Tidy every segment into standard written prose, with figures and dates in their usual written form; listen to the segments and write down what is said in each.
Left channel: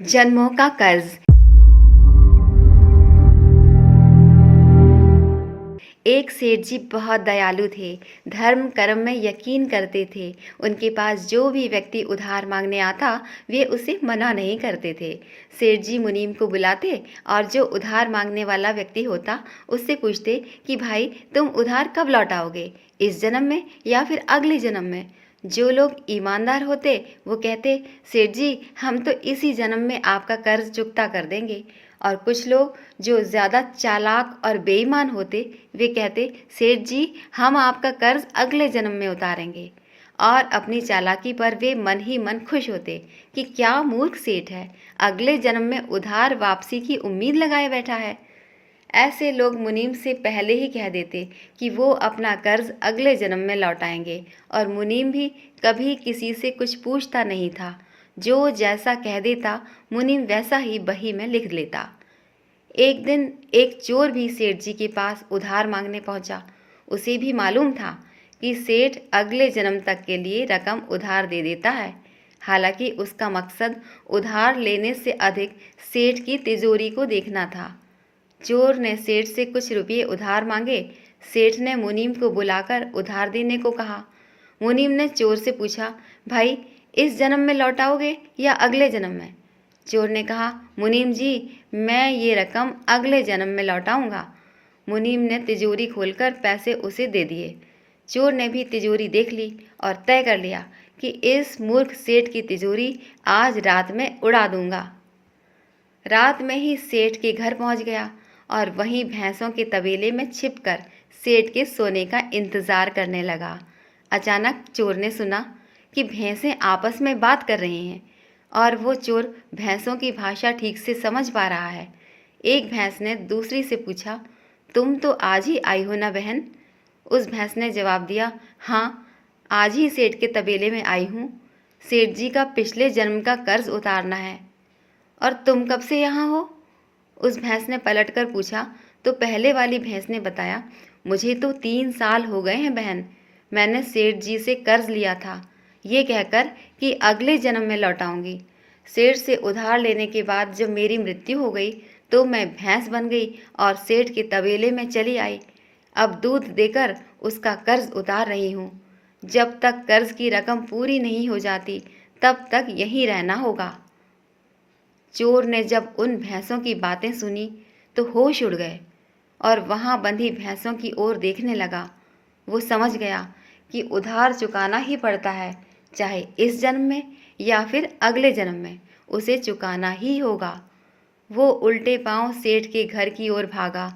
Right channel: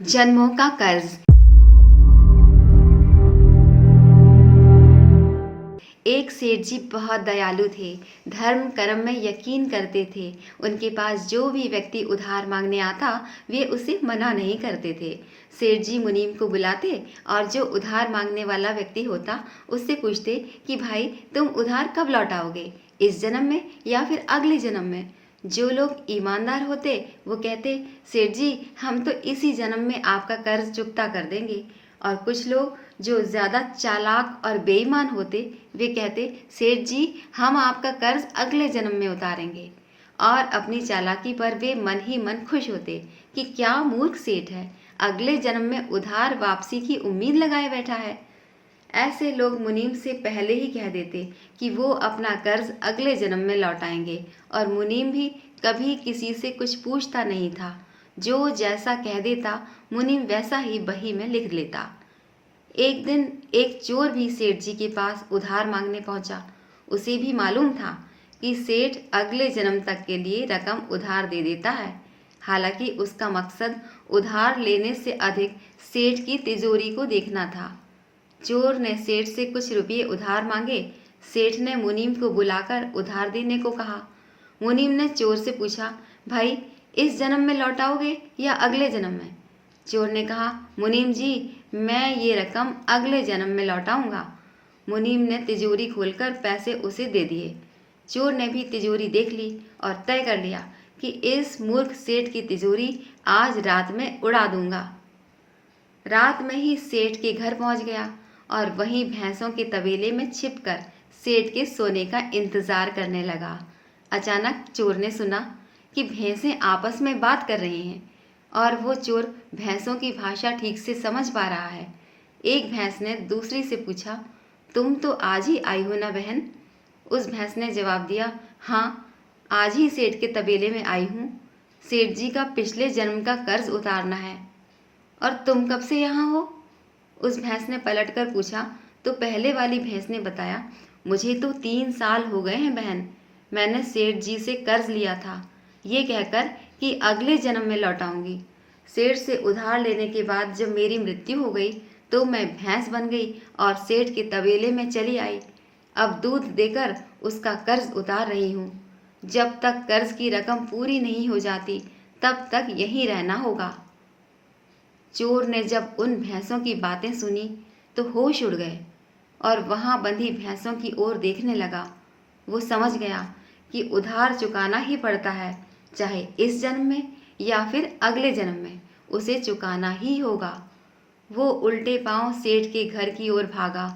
जन्मों का कर्ज। एक सेठ जी बहुत दयालु थे। धर्म कर्म में यकीन करते थे। उनके पास जो भी व्यक्ति उधार मांगने आता वे उसे मना नहीं करते थे। सेठ जी मुनीम को बुलाते और जो उधार मांगने वाला व्यक्ति होता उससे पूछते कि भाई तुम उधार कब लौटाओगे, इस जन्म में या फिर अगले जन्म में। जो लोग ईमानदार होते वो कहते सेठ जी हम तो इसी जन्म में आपका कर्ज चुकता कर देंगे। और कुछ लोग जो ज़्यादा चालाक और बेईमान होते वे कहते सेठ जी हम आपका कर्ज अगले जन्म में उतारेंगे। और अपनी चालाकी पर वे मन ही मन खुश होते कि क्या मूर्ख सेठ है, अगले जन्म में उधार वापसी की उम्मीद लगाए बैठा है। ऐसे लोग मुनीम से पहले ही कह देते कि वो अपना कर्ज अगले जन्म में लौटाएंगे और मुनीम भी कभी किसी से कुछ पूछता नहीं था। जो जैसा कह देता मुनीम वैसा ही बही में लिख लेता। एक दिन एक चोर भी सेठ जी के पास उधार मांगने पहुंचा। उसे भी मालूम था कि सेठ अगले जन्म तक के लिए रकम उधार दे देता है। हालांकि उसका मकसद उधार लेने से अधिक सेठ की तिजोरी को देखना था। चोर ने सेठ से कुछ रुपये उधार मांगे। सेठ ने मुनीम को बुलाकर उधार देने को कहा। मुनीम ने चोर से पूछा, भाई इस जन्म में लौटाओगे या अगले जन्म में? चोर ने कहा, मुनीम जी मैं ये रकम अगले जन्म में लौटाऊंगा। मुनीम ने तिजोरी खोलकर पैसे उसे दे दिए। चोर ने भी तिजोरी देख ली और तय कर लिया कि इस मूर्ख सेठ की तिजोरी आज रात में उड़ा दूंगा। रात में ही सेठ के घर पहुंच गया और वहीं भैंसों के तबेले में छिपकर सेठ के सोने का इंतजार करने लगा। अचानक चोर ने सुना कि भैंसें आपस में बात कर रही हैं और वो चोर भैंसों की भाषा ठीक से समझ पा रहा है। एक भैंस ने दूसरी से पूछा, तुम तो आज ही आई हो ना बहन? उस भैंस ने जवाब दिया, हाँ आज ही सेठ के तबेले में आई हूँ। सेठ जी का पिछले जन्म का कर्ज उतारना है। और तुम कब से यहाँ हो? उस भैंस ने पलटकर पूछा तो पहले वाली भैंस ने बताया, मुझे तो 3 साल हो गए हैं बहन। मैंने सेठ जी से कर्ज लिया था ये कहकर कि अगले जन्म में लौटाऊंगी। सेठ से उधार लेने के बाद जब मेरी मृत्यु हो गई तो मैं भैंस बन गई और सेठ के तबेले में चली आई। अब दूध देकर उसका कर्ज उतार रही हूँ। जब तक कर्ज की रकम पूरी नहीं हो जाती तब तक यहीं रहना होगा। चोर ने जब उन भैंसों की बातें सुनी तो होश उड़ गए और वहां बंधी भैंसों की ओर देखने लगा। वो समझ गया कि उधार चुकाना ही पड़ता है, चाहे इस जन्म में या फिर अगले जन्म में उसे चुकाना ही होगा। वो उल्टे पांव सेठ के घर की ओर भागा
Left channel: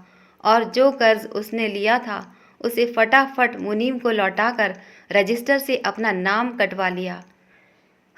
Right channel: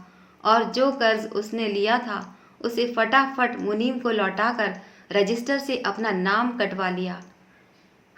और जो कर्ज उसने लिया था उसे फटाफट मुनीम को लौटाकर रजिस्टर से अपना नाम कटवा लिया।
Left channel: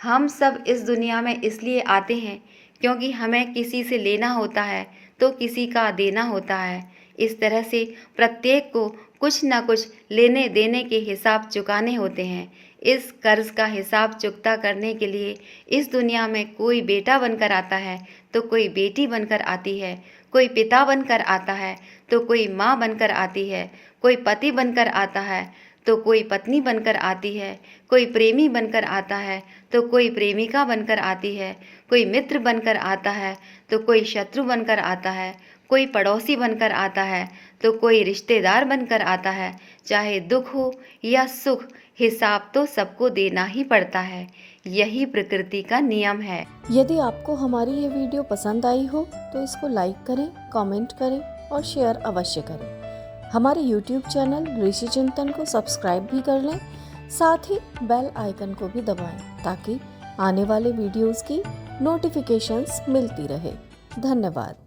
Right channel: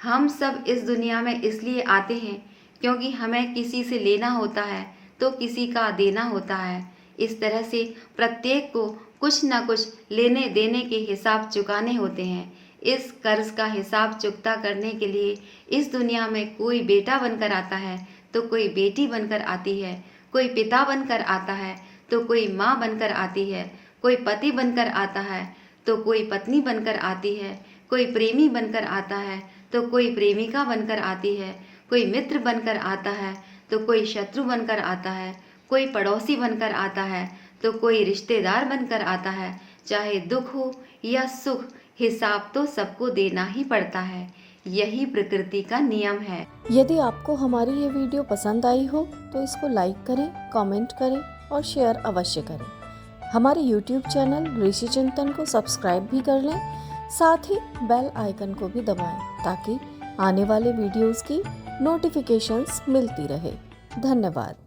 हम सब इस दुनिया में इसलिए आते हैं क्योंकि हमें किसी से लेना होता है तो किसी का देना होता है। इस तरह से प्रत्येक को कुछ न कुछ लेने देने के हिसाब चुकाने होते हैं। इस कर्ज का हिसाब चुकता करने के लिए इस दुनिया में कोई बेटा बनकर आता है तो कोई बेटी बनकर आती है, कोई पिता बनकर आता है तो कोई माँ बनकर आती है, कोई पति बनकर आता है तो कोई पत्नी बनकर आती है, कोई प्रेमी बनकर आता है तो कोई प्रेमिका बनकर आती है, कोई मित्र बनकर आता है तो कोई शत्रु बनकर आता है, कोई पड़ोसी बनकर आता है तो कोई रिश्तेदार बनकर आता है। चाहे दुख हो या सुख, हिसाब तो सबको देना ही पड़ता है। यही प्रकृति का नियम है। यदि आपको हमारी ये वीडियो पसंद आई हो तो इसको लाइक करें, कमेंट करें और शेयर अवश्य करें। हमारे YouTube चैनल ऋषि चिंतन को सब्सक्राइब भी कर लें, साथ ही बेल आइकन को भी दबाएं ताकि आने वाले वीडियोस की नोटिफिकेशंस मिलती रहे। धन्यवाद।